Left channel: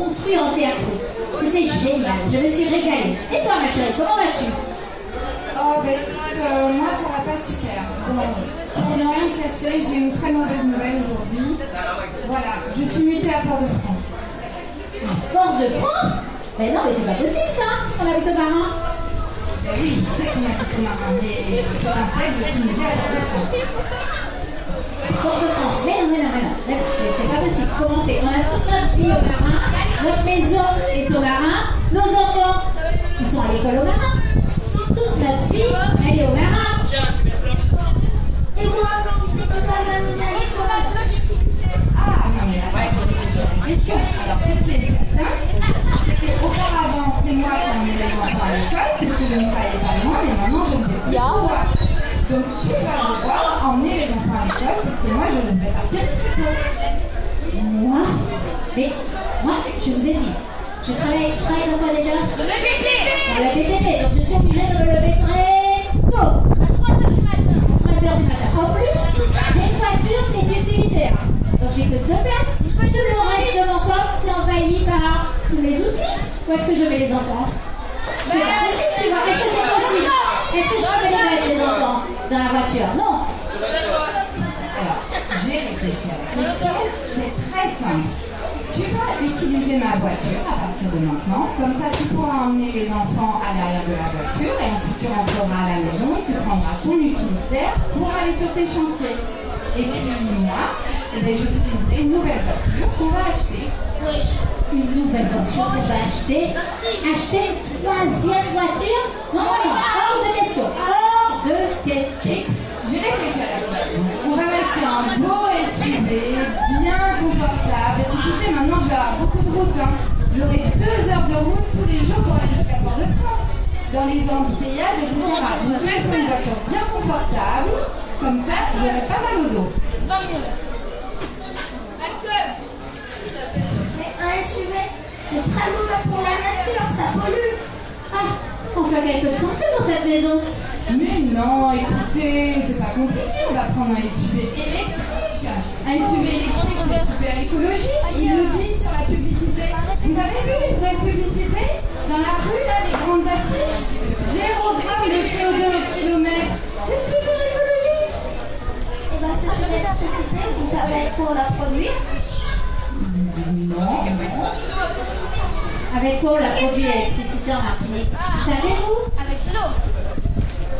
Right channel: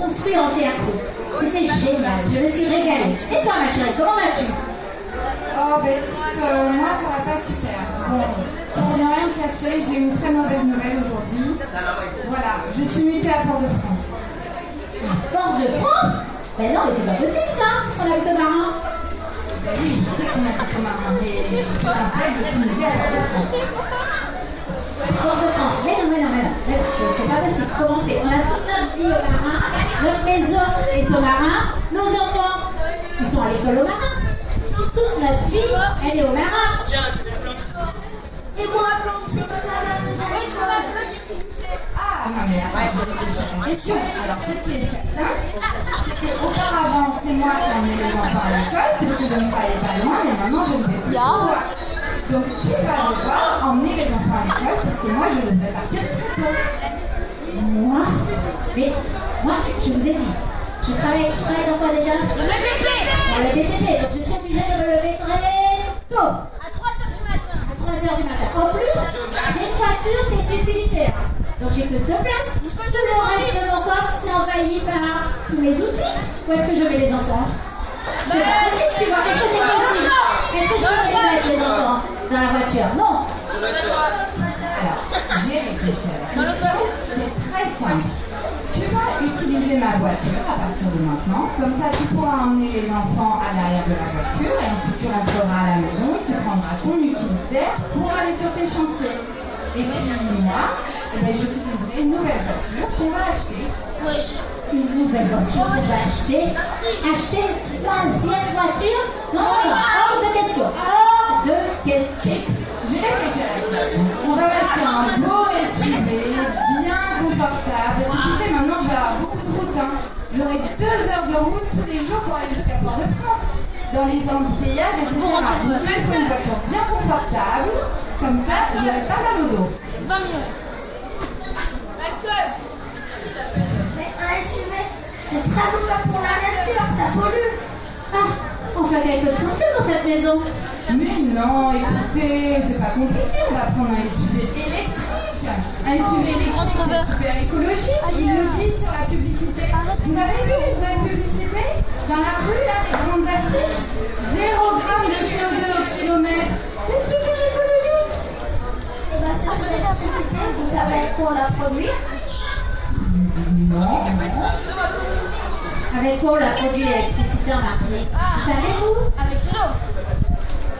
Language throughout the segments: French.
construit en théâtre. C'était génial, je me suis régalée. Et toi, ma chérie, comment vas-tu? Oh, ben écoute, moi ça va pas super. Bon, pour ne rien cacher, j'ai une très mauvaise nouvelle aujourd'hui. Voilà, je suis mutée à Fort-de-France. À Fort-de-France? Mais non, mais c'est pas possible ça, on habite au Marin. Ben oui, je sais qu'on habite au Marin, mais c'est un fait, je suis mutée à Fort-de-France. Fort-de-France, mais non, c'est pas possible. Comment on fait? On a toute notre vie au Marin, notre maison est au Marin, nos enfants, ils sont à l'école au Marin. Toute notre vie, elle est au Marin. Et moi, c'est pas mal de l'année, je Ah non mais attends, je réfléchis à la question. Alors ce qui est certain, c'est qu'auparavant c'est moi qui emmenais les enfants à l'école, puisque je ne travaillais pas loin, mais maintenant je ne vais plus pouvoir. Donc tu vas devoir emmener les enfants à l'école, parce que moi je devrais partir très tôt. Moi? Mais moi, je vous ai dit, je travaille dans quoi déjà? Dans le BTP. Dans le BTP, donc je suis obligée de me lever très tôt. À 3h du matin. À 3h du matin. En plus, j'ai une voiture, c'est une utilitaire. Donc j'ai que 2 places. Tout le reste de mon coffre, c'est envahi par tous mes outils. Où est-ce que je mets les enfants? C'est pas possible, tu vois. Est-ce que c'est possible? Est-ce que je peux les mettre, les enfants, dans la voiture? Non. Alors, j'ai réfléchi à la question, c'est très simple. Tu vas utiliser ma voiture à partir de maintenant, comme ça tu pourras emmener les enfants à l'arrière de la voiture et ensuite tu rentreras à la maison, tu prendras ton utilitaire pour aller sur tes chantiers. Et puis moi, j'utiliserai une nouvelle voiture qu'on va acheter. Une nouvelle voiture qu'on va acheter. Acheter une 3e voiture? Non, hors de question. Hors de question. J'ai réfléchi à la question. On va m'acheter un beau SUV, bien confortable. Parce que tu sais, maintenant je vais avoir beaucoup de route. J'aurai 2 heures de route tous les jours pour aller jusqu'à Fort-de-France. Dans les embouteillages, etc. Donc là, il faut une voiture bien confortable. Comme ça, j'aurai pas mal au dos. 20 minutes. Mais un SUV, c'est très mauvais pour la nature, ça pollue. Ah, on fait quelque chose de sensé dans cette maison. Mais non, écoutez, c'est pas compliqué. On va prendre un SUV électrique. Un SUV électrique, c'est super écologique. Il le dit sur la publicité. Vous avez vu les nouvelles publicités? Dans la rue, là, les grandes affiches, 0 g de CO2 au kilomètre. C'est super écologique. Et bien, cette électricité, vous savez pour la produire? Non. Avec quoi on a produit l'électricité en Martinique? Vous savez, vous? Avec l'eau.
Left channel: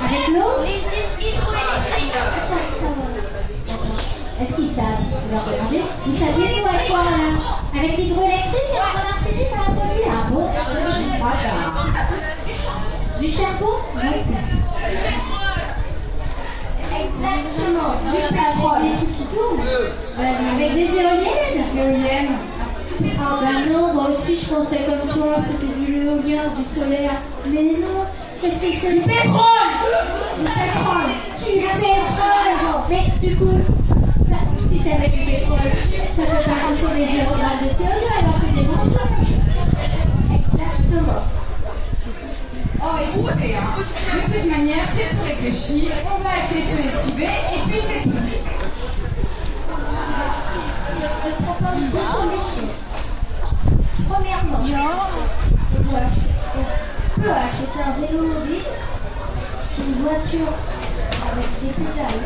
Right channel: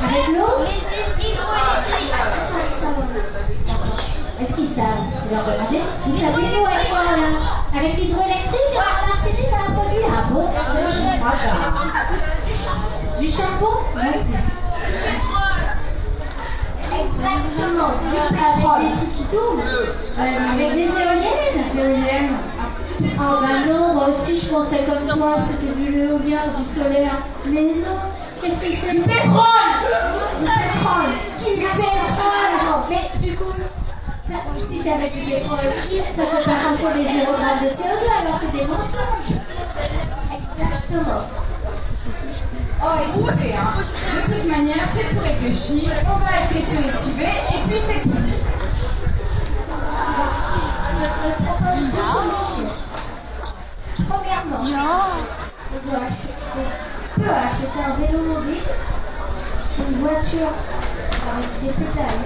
Avec l'eau? Les îles hydroélectriques. Est-ce qu'ils savent? Vous leur demandez? Vous savez, vous, avec quoi là? Avec l'hydroélectrique en Martinique, on a produit? Ah bon? Je ne crois pas. Du charbon? Non. Exactement. Du pétrole. Des trucs qui tournent. Avec des éoliennes? Éoliennes. Oh ben non, moi aussi je pensais comme toi, c'était du l'éolien, du solaire. Mais non, qu'est-ce que c'est? Du pétrole. Du pétrole. Du pétrole. Mais du coup, ça, si c'est avec du pétrole, ça peut pas consommer 0 g de CO2, alors c'est des mensonges. Exactement. Oh, écoutez, de toute manière, c'est tout réfléchi. On va acheter ce SUV et puis c'est tout. Je propose 2 solutions. Premièrement, on peut acheter un vélo mobile, une voiture avec des pédales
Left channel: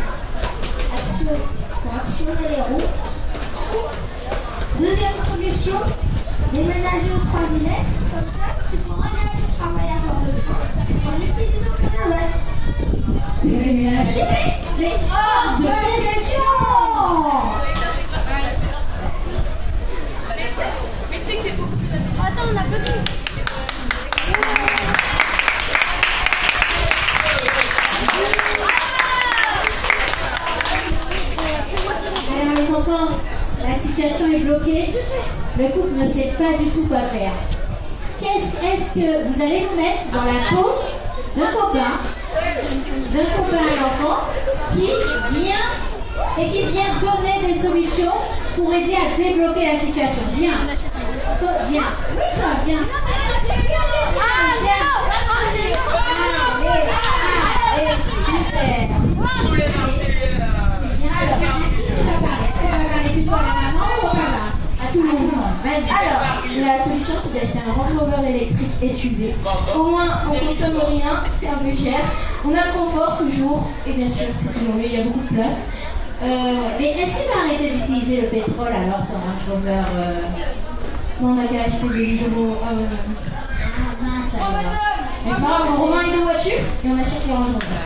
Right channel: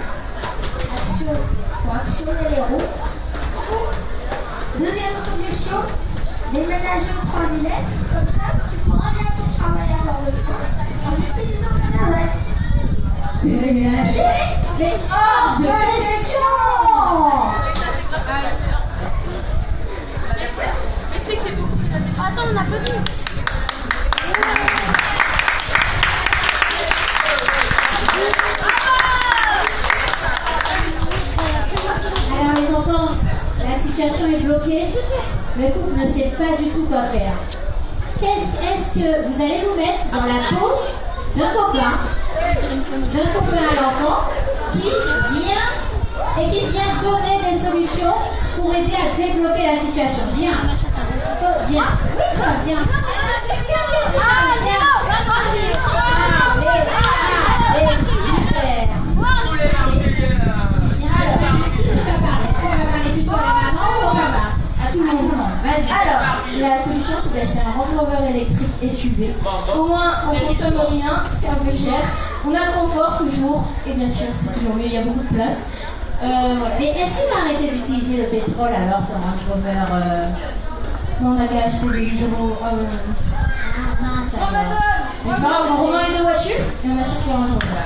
pour actionner les roues. Deuxième solution, déménager aux 3 îlettes, comme ça tu pourras aller à ton travail à Fort-de-France en utilisant la navette. Déménager? Mais hors de question! Attends, on applaudit. Alors les enfants, la situation est bloquée. Le couple ne sait pas du tout quoi faire. Est-ce que vous allez vous mettre dans la peau d'un copain à l'enfant qui vient donner des solutions pour aider à débloquer la situation? Viens. Viens. Oui, toi, viens. Allez, super. Tu viens alors. À qui tu vas parler? Est-ce qu'on va parler plutôt à la maman ou au papa? À tout le monde. Vas-y. Alors, La solution, c'est d'acheter un Range Rover électrique SUV. Au moins, on consomme rien, c'est un peu cher. On a le confort toujours, et bien sûr, c'est toujours mieux, il y a beaucoup de place. Mais est-ce qu'il va arrêter d'utiliser le pétrole alors, ton Range Rover On a qu'à acheter des hydro. Ah mince alors. Mais c'est pas grave, on revend les deux voitures et on achète le Range Rover.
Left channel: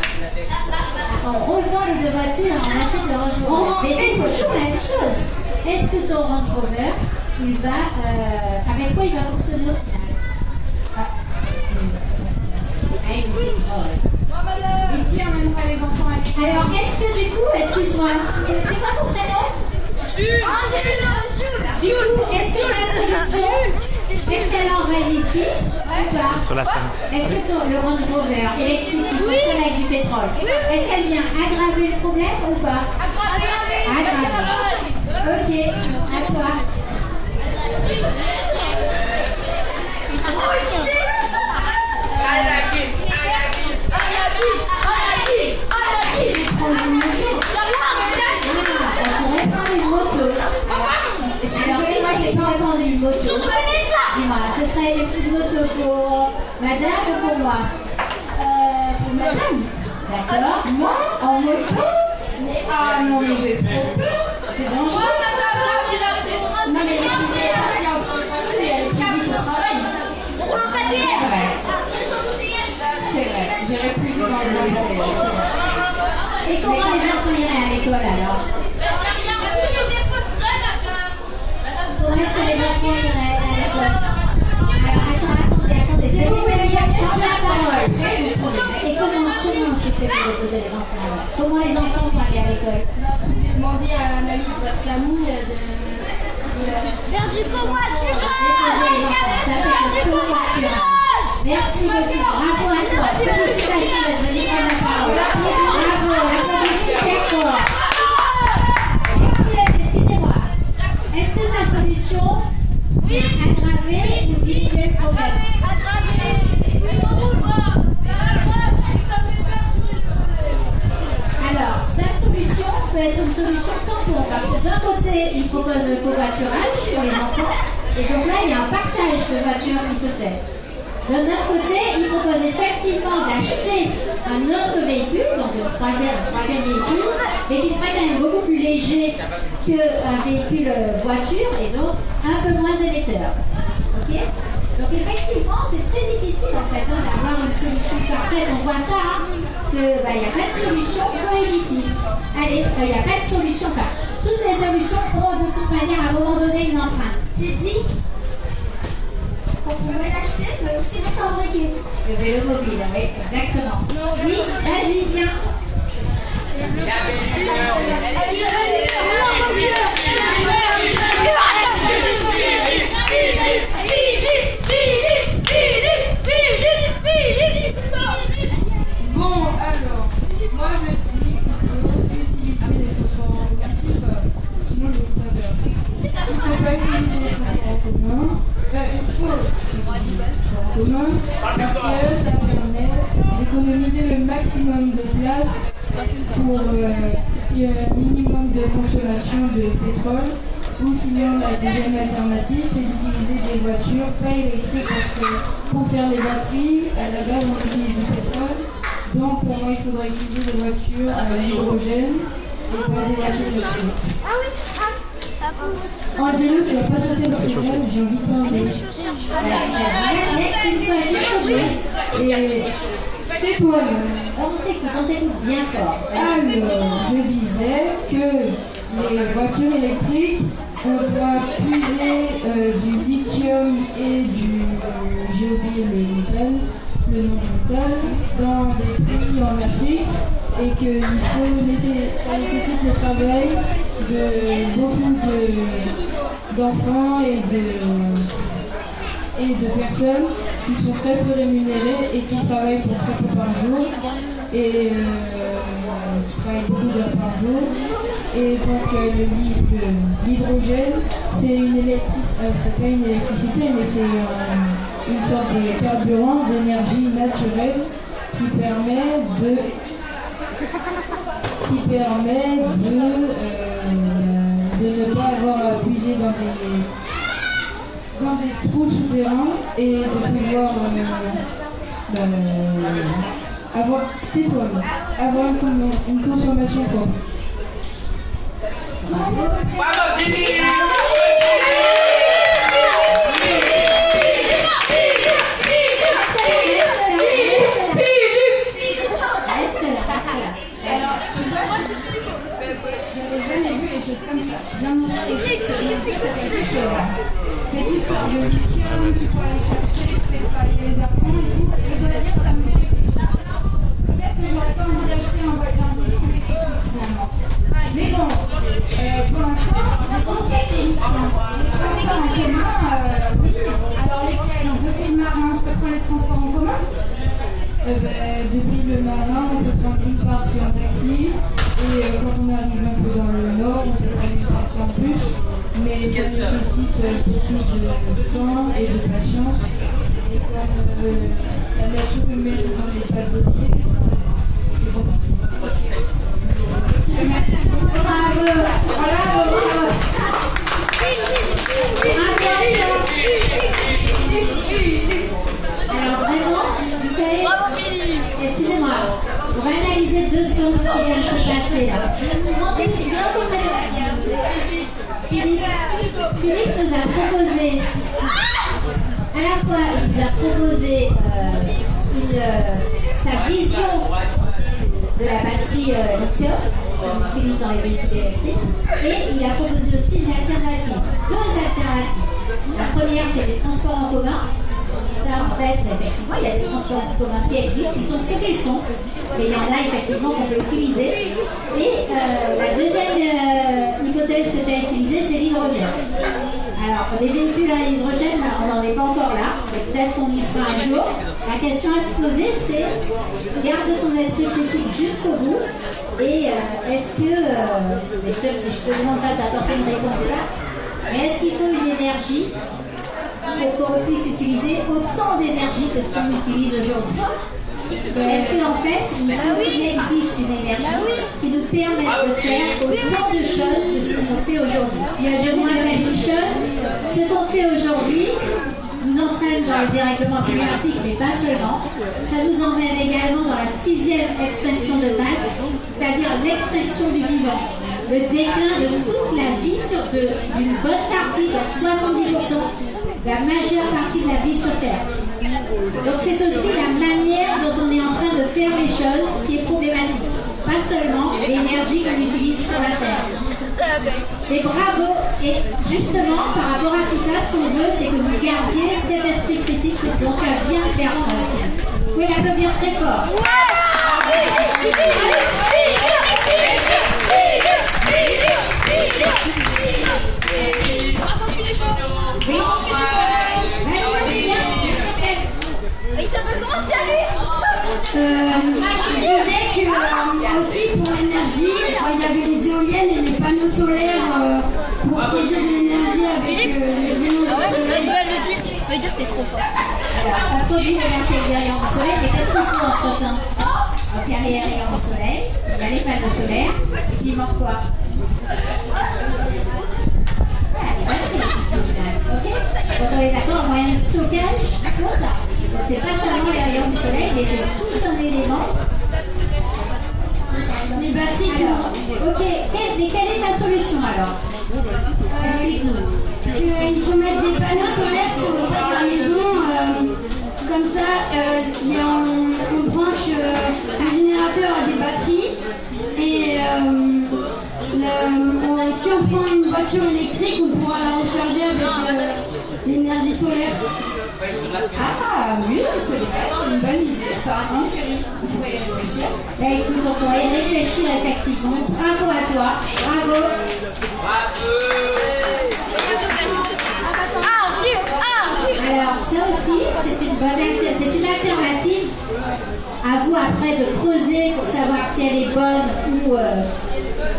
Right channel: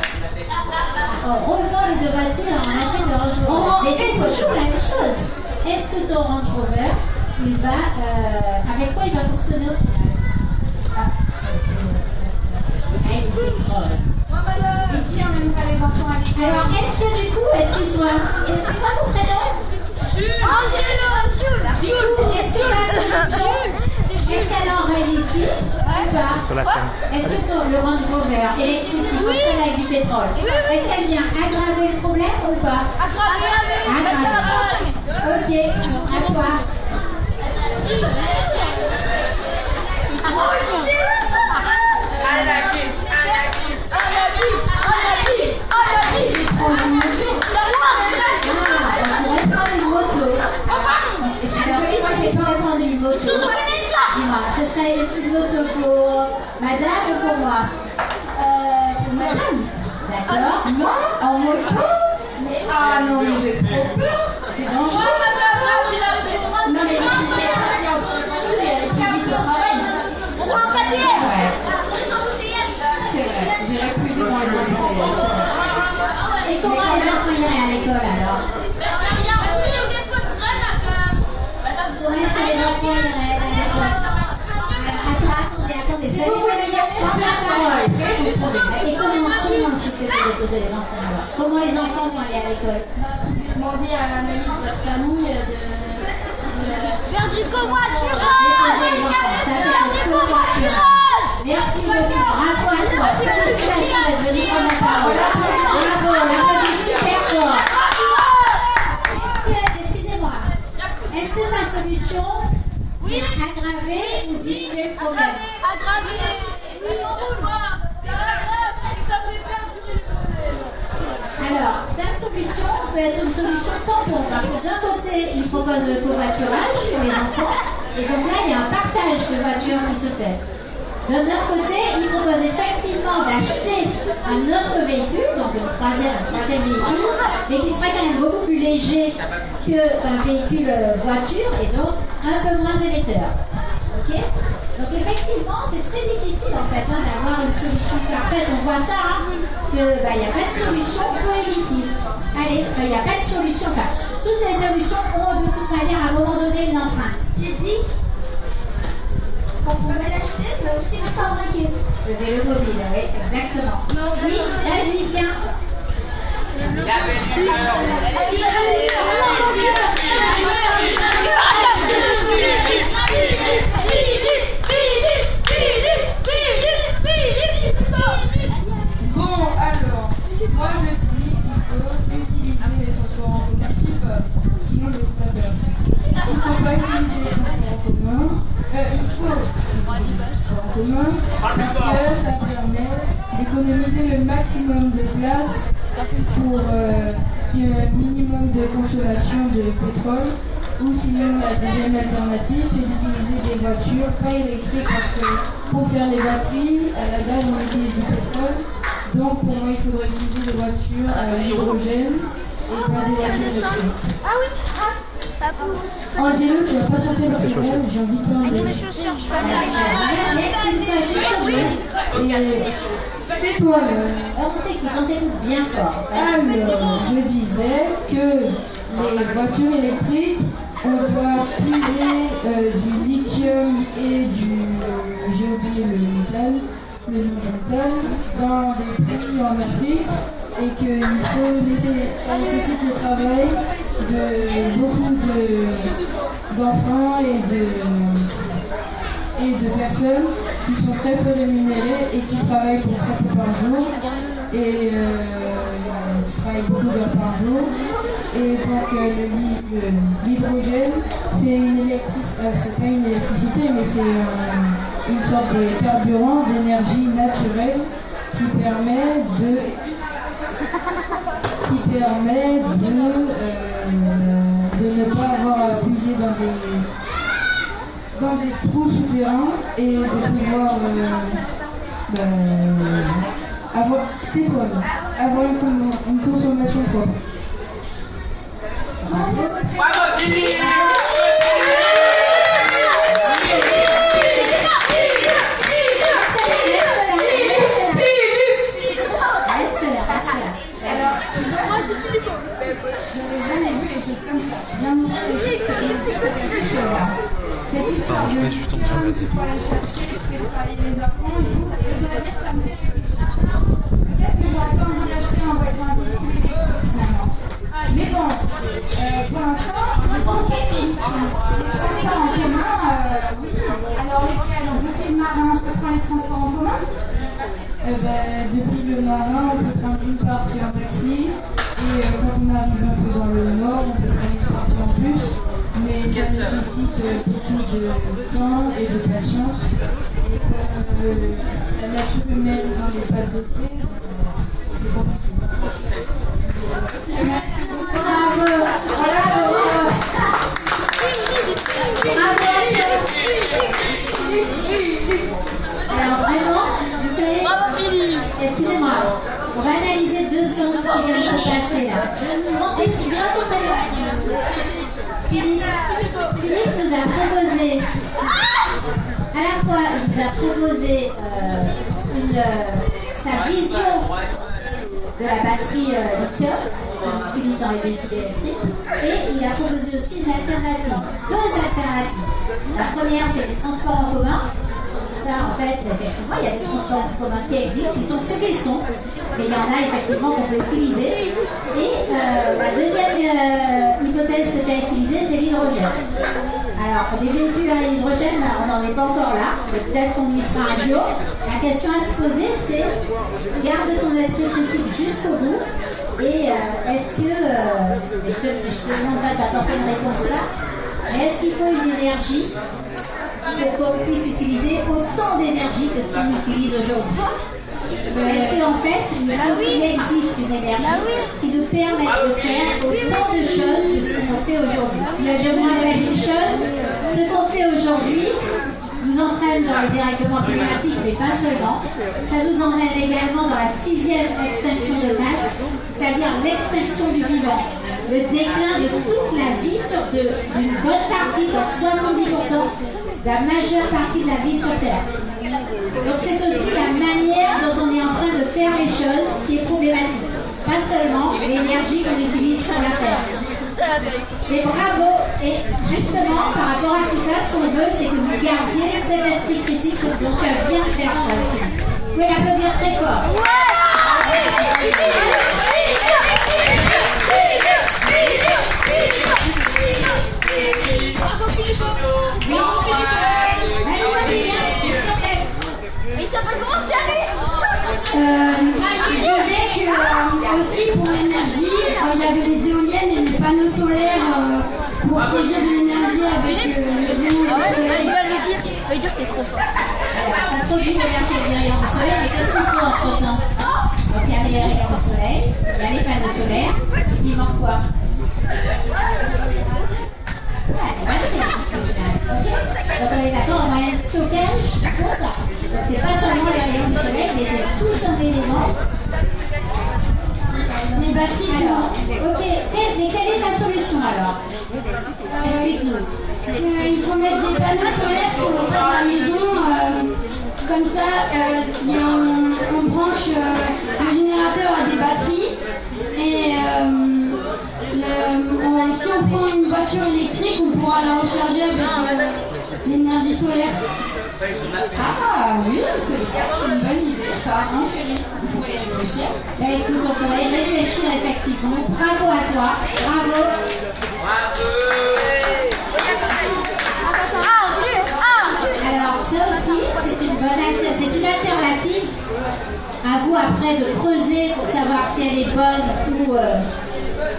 On revend les deux voitures, on achète le Range Rover. Mais c'est toujours la même chose. Est-ce que ton Range Rover, avec quoi il va fonctionner au final? Avec le pétrole. Et qui emmènera les enfants à l'école? Alors, est-ce que du coup, excuse-moi, c'est quoi ton prénom? Du coup, est-ce que la solution, est-ce qu'elle envahit ici ou pas? Sur la scène. Est-ce que le Range Rover électrique qui fonctionne avec du pétrole, est-ce qu'elle vient aggraver le problème ou pas? Aggraver. Ok, à toi. On pourrait prendre une moto. Je suis désolée, moi j'ai pas entendu une moto. Dis-moi, ce serait une moto pour madame ou pour moi? Pour madame. D'accord. Moi, en moto? Ah non, mais j'ai trop peur. C'est dangereux. Non, mais les voitures, elles plus vite au travail. C'est vrai. J'irai plus vite dans les embouteillages, c'est vrai. Et comment les enfants iraient à l'école alors? Comment est-ce que les enfants iraient à l'école? Attendez, c'est vous voulez bien prendre la parole. Et comment tu fais pour déposer les enfants alors? Comment les enfants vont aller à l'école? Demandez à un ami de votre famille Faire du covoiturage. Déposer les enfants, ça fait le covoiturage. Merci beaucoup, bravo à toi. Félicitations d'être venu prendre la parole. Bravo, on applaudit super fort. Excusez-moi, est-ce que sa solution vient aggraver ou diminuer le problème? Alors, cette solution peut être une solution tampon parce que d'un côté, il propose le covoiturage pour les enfants et donc là, il y a un partage de voitures qui se fait. D'un autre côté, il propose effectivement d'acheter un autre véhicule, donc un troisième véhicule, mais qui serait quand même beaucoup plus léger qu'un véhicule voiture et donc un peu moins émetteur. Ok? Donc effectivement, c'est très difficile en fait d'avoir une solution parfaite. On voit ça, qu'il y a plein de solutions prohibitives. Allez, il n'y a pas de solution. Enfin, toutes les solutions ont de toute manière à un moment donné une empreinte. J'ai dit qu'on pouvait l'acheter, mais aussi le fabriquer. Le vélo mobile, oui, exactement. Oui, vas-y, viens. Bon, alors, moi je dis qu'il faut utiliser les transports en commun, sinon je ne sais pas faire. Il ne faut pas utiliser les transports en commun. Il faut utiliser les transports en commun parce que ça permet d'économiser le maximum de place pour un minimum de consommation de pétrole. Ou sinon, la deuxième alternative, c'est d'utiliser des voitures pas électriques parce que pour faire les batteries, à la base, on utilise du pétrole. Donc, pour moi, il faudrait utiliser des voitures à l'hydrogène et pas des voitures électriques. Enlevez-le, tu vas pas sortir le téléphone, j'ai envie de parler. Et tais-toi, On t'écoute bien fort. alors, je disais que les voitures électriques, on doit puiser du lithium et du, j'ai oublié le nom du métal, dans des pays en Afrique, et qu'il faut laisser, ça nécessite le travail de beaucoup d'enfants et de personnes qui sont très peu rémunérées et qui travaillent pour très peu par jour et qui travaillent beaucoup d'heures par jour. Et donc l'hydrogène, c'est c'est pas une électricité, mais c'est une sorte de carburant d'énergie naturelle qui permet de ne pas avoir à puiser dans des trous souterrains et de pouvoir avoir une consommation propre. J'avais jamais vu les choses comme ça. Tu viens de me dire les choses, c'est quelque chose. Cette histoire de tiens, il faut aller chercher, tu fais travailler les enfants et tout. Je dois dire, ça me fait réfléchir. Peut-être que j'aurais pas envie d'acheter un véhicule électrique finalement. Mais bon, pour l'instant, j'ai trouvé une solution. Les transports en commun, oui. Alors lesquels? Depuis le marin, je peux prendre les transports en commun? Depuis le marin, on peut prendre une partie en taxi. Et quand on arrive un peu dans le nord, on peut prendre une partie en bus, mais ça nécessite beaucoup de temps et de patience. Et comme la nature humaine n'en est pas dotée, c'est compliqué. Merci beaucoup. Bravo. Alors vraiment, vous savez, excusez-moi, on va analyser 2 secondes ce qui vient de se passer là. Philippe nous a proposé, à la fois il nous a proposé sa vision de la batterie lithium qu'on utilise dans les véhicules électriques, et il a proposé aussi une alternative, 2 alternatives. La première, c'est les transports en commun. Ça, en fait, effectivement, il y a des transports en commun qui existent, ils sont ce qu'ils sont, mais il y en a effectivement qu'on peut utiliser. Et la deuxième hypothèse que tu as utilisée, c'est l'hydrogène. Alors, des véhicules à l'hydrogène, on n'en est pas encore là, mais peut-être qu'on y sera un jour. La question à se poser, c'est garde ton esprit critique jusqu'au bout. Et est-ce que, je te demande pas d'apporter une réponse là, mais est-ce qu'il faut une énergie pour qu'on puisse utiliser autant d'énergie que ce qu'on utilise aujourd'hui? Est-ce qu'en fait, il existe une énergie qui nous permet de faire autant de choses que ce qu'on fait aujourd'hui? Je vous rappelle une chose, ce qu'on fait aujourd'hui nous entraîne dans le dérèglement climatique, mais pas seulement. Ça nous emmène également dans la 6e extinction de masse, c'est-à-dire l'extinction du vivant. Le déclin de toute la vie d'une bonne partie, donc 70%, la majeure partie de la vie sur Terre. Donc c'est aussi la manière dont on est en train de faire les choses qui est problématique. Pas seulement l'énergie qu'on utilise pour la faire. Et bravo. Et justement, par rapport à tout ça, ce qu'on veut, c'est que vous gardiez cet esprit critique dont tu as bien fait preuve. Vous pouvez l'applaudir très fort. Je disais que aussi pour l'énergie, il y avait les éoliennes et les panneaux solaires pour produire de l'énergie avec l'énergie solaire. Va lui dire que t'es trop fort. On produit de l'énergie avec des rayons du soleil, mais qu'est-ce qu'il faut entre temps? Donc il y a les rayons du soleil, il y a les panneaux solaires, et puis il manque quoi? Donc on est d'accord, on a un stockage pour ça. Donc c'est pas seulement les rayons du soleil, mais c'est tout un élément. Les batteries sont... Ok, mais quelle est ta solution alors? Explique-nous. Il faut mettre des panneaux solaires sur le toit de la maison. Comme ça, on branche le générateur à des batteries. Et si on prend une voiture électrique, on pourra la recharger avec l'énergie solaire. Ah oui, c'est vrai, c'est une bonne idée ça. Non chérie, on pourrait y réfléchir. Écoute, on pourrait y réfléchir effectivement. Bravo à toi, bravo. Alors ça aussi, c'est une alternative. À vous après de creuser pour savoir si elle est bonne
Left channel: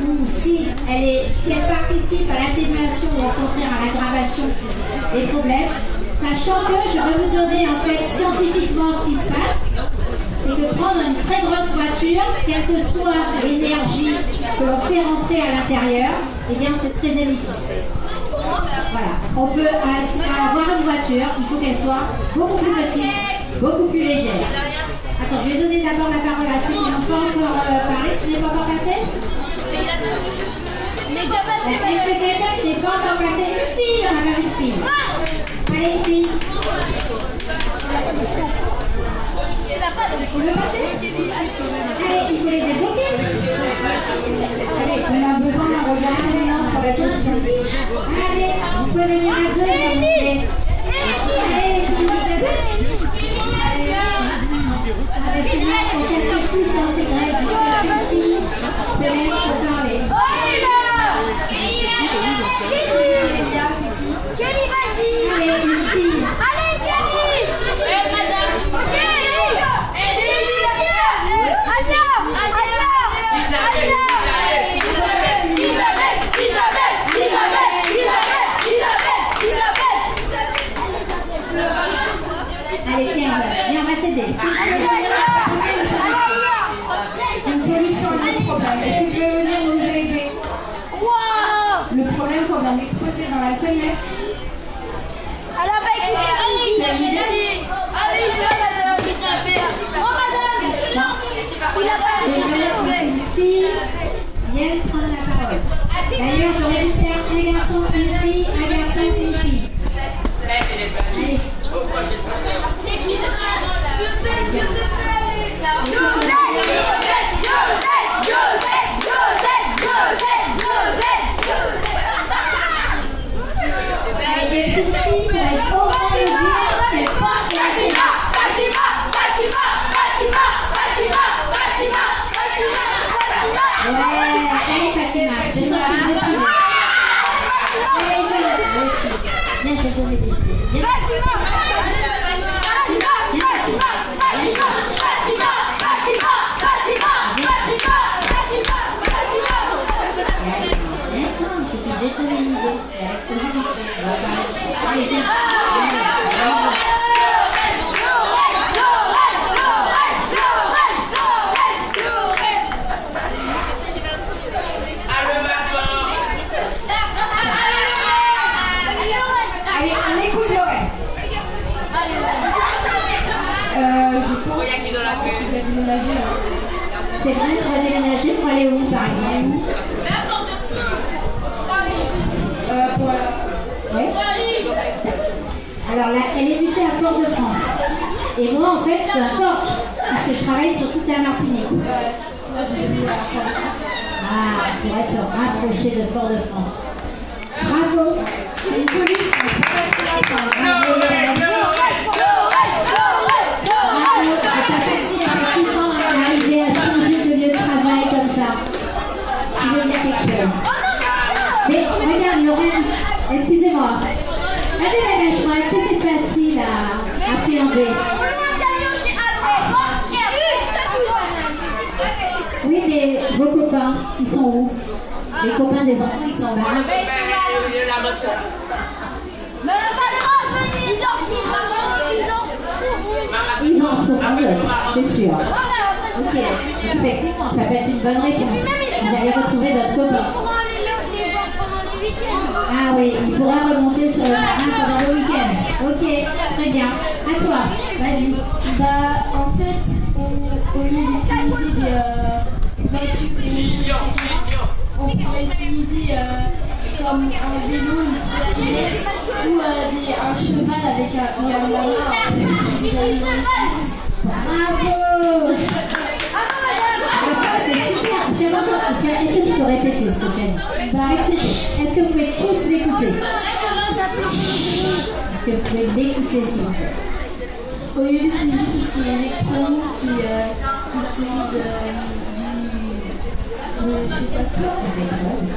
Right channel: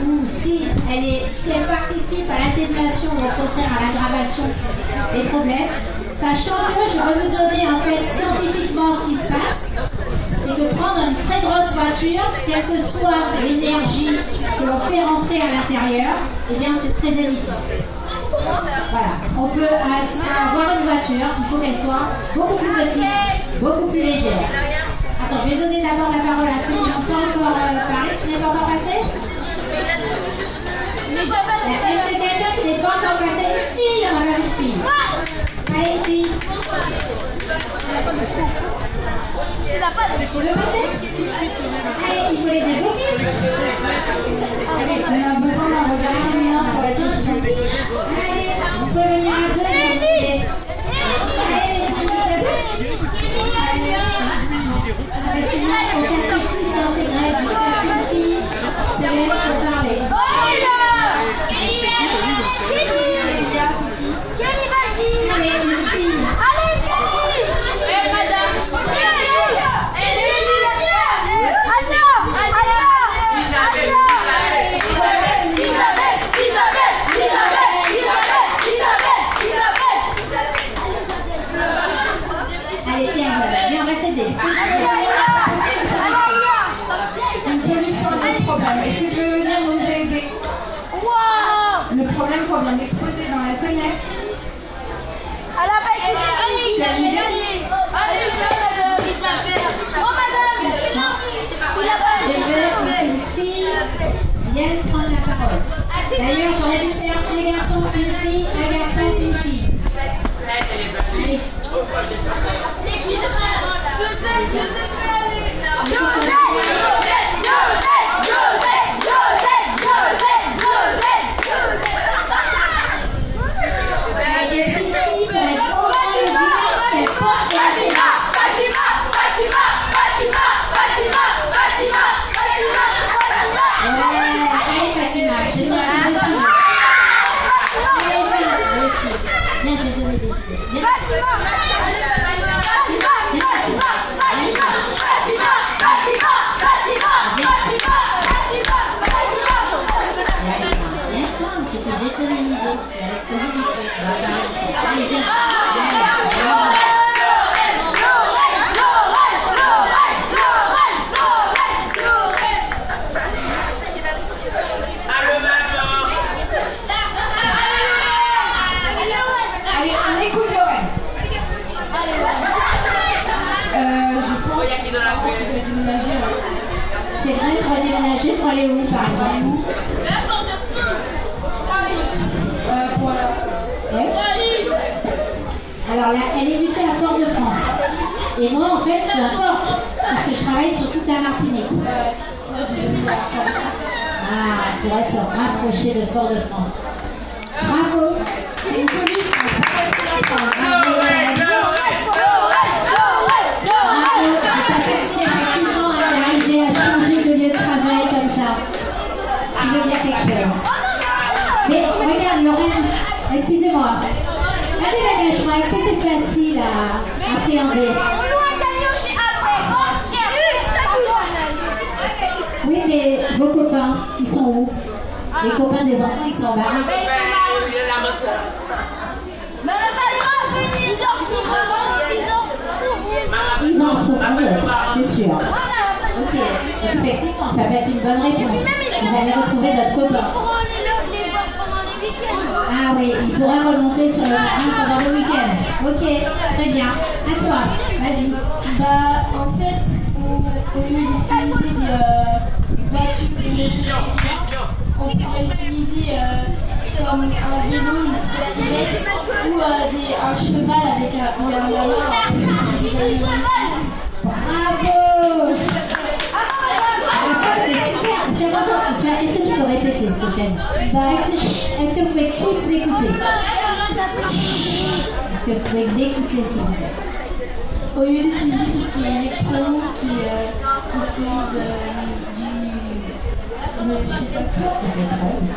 ou si elle participe à l'atténuation ou au contraire à l'aggravation des problèmes. Sachant que je vais vous donner en fait scientifiquement ce qui se passe, c'est que prendre une très grosse voiture, quelle que soit l'énergie que l'on fait rentrer à l'intérieur, eh bien c'est très émissif. Voilà. On peut avoir une voiture, il faut qu'elle soit beaucoup plus petite, beaucoup plus légère. Attends, je vais donner d'abord la parole à ceux qui n'ont pas encore parlé. Tu n'es pas encore passé? Est-ce que quelqu'un qui n'est pas encore passé? Une fille, on a même une fille. Allez, une fille. Tu veux passer? Allez, il faut les débloquer. On a besoin d'un regard féminin sur la question. Allez, vous pouvez venir à deux, s'il vous plaît. Allez, les filles, ah ben c'est bien, on s'assied plus si on fait grève, jusqu'à ce qu'une fille se lève pour parler. Allez, une fille. Allez, viens, on va t'aider. Est-ce que tu veux venir Une solution à notre problème. Est-ce que tu veux venir nous aider? Le problème qu'on vient d'exposer dans la scénette. Tu as une idée? Je veux qu'une fille vienne prendre la parole. D'ailleurs, j'aurais dû faire un garçon, une fille, un garçon, une fille. Allez. Est-ce qu'une fille pourrait être au moins le dire ce qu'elle pense de la scénette? Allez Fatima, je sens que tu motives. Allez, viens, aussi. Viens, je vais te donner des idées. Viens. Je vais te donner une idée. Elle a explosé le micro. Allez, viens. Allez, on écoute Lorraine. Je pense qu'on va déménager. C'est vrai, on va déménager pour aller où, par exemple? Ouais. Alors là, elle est mutée à Fort-de-France. Et moi, en fait, peu importe, parce que je travaille sur toute la Martinique. Ah, on pourrait se rapprocher de Fort-de-France. Bravo. C'est une solution. Bravo, c'est pas facile effectivement d'arriver à changer de lieu de travail comme ça. Tu veux dire quelque chose? Mais regarde Lorraine, excusez-moi. Un déménagement, est-ce que c'est facile à appréhender? Oui, mais vos copains, ils sont où? Les copains des enfants, ils sont là. Ils en retrouveront d'autres, c'est sûr. Ok, donc effectivement, ça peut être une bonne réponse. Vous allez retrouver d'autres copains. Ah oui, il pourra remonter sur le terrain pendant le week-end. Ok, très bien. À toi, vas-y. En fait, au lieu d'utiliser des voitures, on pourrait utiliser comme un vélo, une trottinette ou un cheval avec un lama. Bravo! C'est super. Est-ce que tu peux répéter, s'il te plaît? Est-ce que vous pouvez tous l'écouter? Est-ce que vous pouvez l'écouter, s'il vous plaît? Au lieu d'utiliser tout ce qui est électronique, qui utilise je sais pas quoi, pétrole,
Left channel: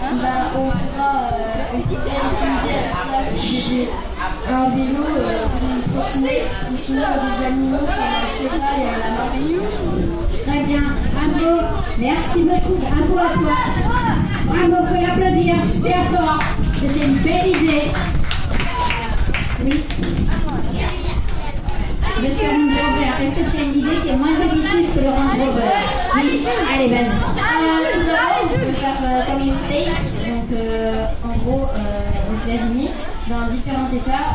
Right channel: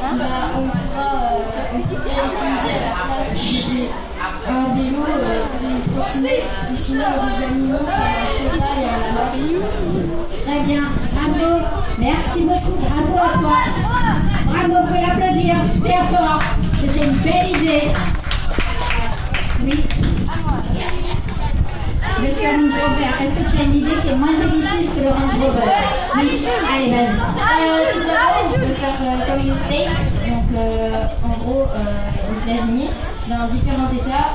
on pourra utiliser à la place un vélo, une trottinette, ou sinon des animaux comme un cheval et un lama. Très bien, bravo, merci beaucoup, bravo à toi. Bravo, faut l'applaudir super fort, c'est une belle idée. Oui. Monsieur Range Rover, est-ce que tu as une idée qui est moins émissive que le Range Rover? Oui, allez, vas-y. Tout d'abord, on peut faire comme le State, donc en gros, aux États-Unis, dans différents États,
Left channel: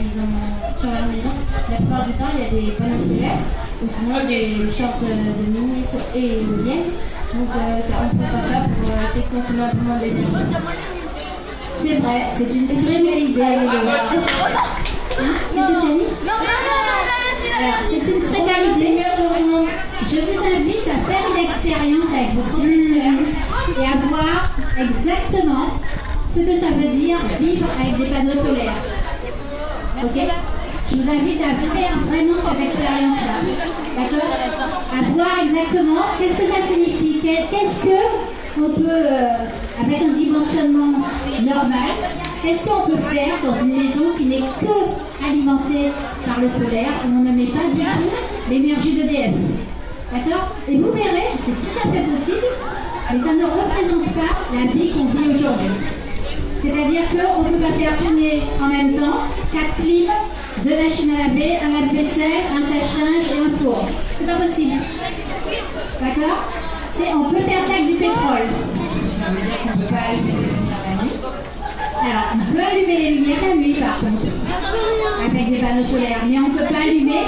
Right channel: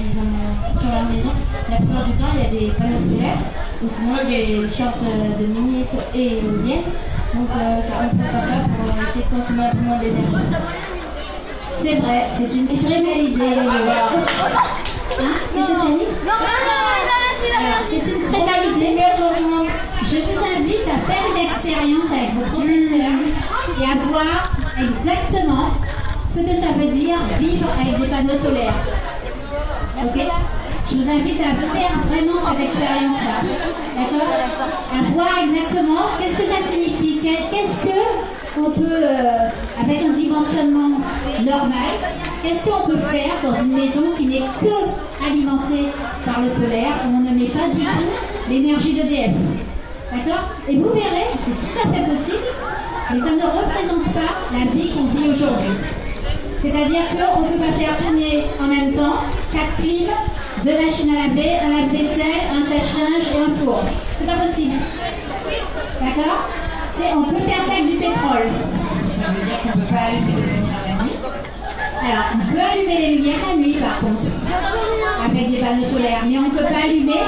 ils ont sur leur maison, la plupart du temps, il y a des panneaux solaires ou sinon des sortes de mini éoliennes. Donc on peut faire ça pour essayer de consommer un peu moins d'énergie. C'est vrai, c'est une très belle idée. Alors, c'est une très belle idée. Je vous invite à faire une expérience avec vos professeurs et à voir exactement ce que ça veut dire vivre avec des panneaux solaires. Ok? Je vous invite à faire vraiment cette expérience-là. D'accord? À voir exactement qu'est-ce que ça signifie. Qu'est-ce qu'on peut, avec un dimensionnement normal, qu'est-ce qu'on peut faire dans une maison qui n'est que alimentée par le solaire, où on ne met pas du tout l'énergie d'EDF. D'accord? Et vous verrez, c'est tout à fait possible, mais ça ne représente pas la vie qu'on vit aujourd'hui. C'est-à-dire qu'on ne peut pas faire tourner en même temps 4 clims, 2 machines à laver, un lave-vaisselle, un sèche-linge et un four. C'est pas possible. D'accord? On peut faire ça avec du pétrole. Ça veut dire qu'on ne peut pas allumer les lumières la nuit? Alors, on peut allumer les lumières la nuit par contre, avec des panneaux solaires, mais on ne peut pas allumer.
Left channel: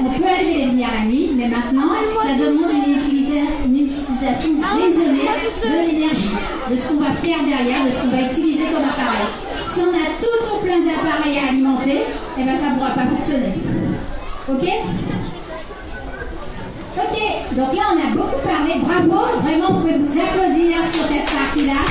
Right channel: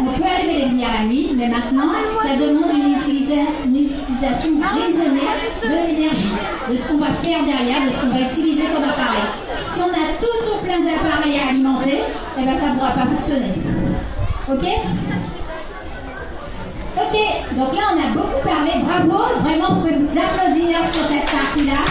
On peut allumer les lumières la nuit, mais maintenant, ça demande une utilisation raisonnée de l'énergie, de ce qu'on va faire derrière, de ce qu'on va utiliser comme appareil. Si on a tout plein d'appareils à alimenter, eh ben, ça ne pourra pas fonctionner. Ok? Ok, donc là on a beaucoup parlé. Bravo, vraiment, vous pouvez vous applaudir sur cette partie-là.